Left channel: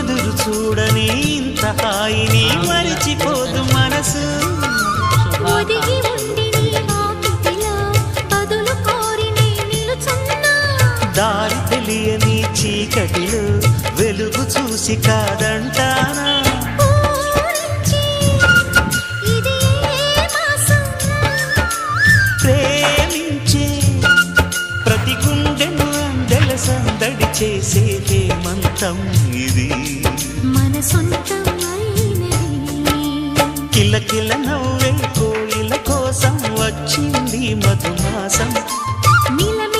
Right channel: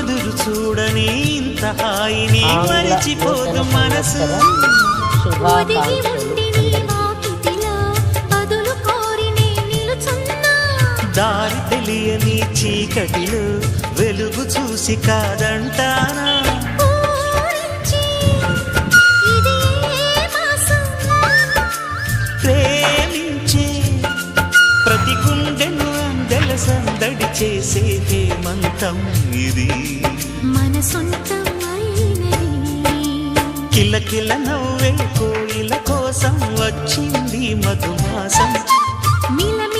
ఎదురు చూడని ఇంత హాయిని మరిచిపోదు మనసు. ఒదిగి ఉండి నీ వాకిటిలో బదులు కోరి నే నిలుచున్నా. దారి తెలియని చీకటిలో వెలుగు చూసి కాదంటానా. ఊరించి ఇది ఏ మాసం? ప్రేమించే ప్రతి గుండెను అందెల సందడి చేసే హేమంతం ఇది. మన సొంతం అయినది. కిలకిల నవ్వే కోయిల కోసం వచ్చింది మధుమాసం. మిలమి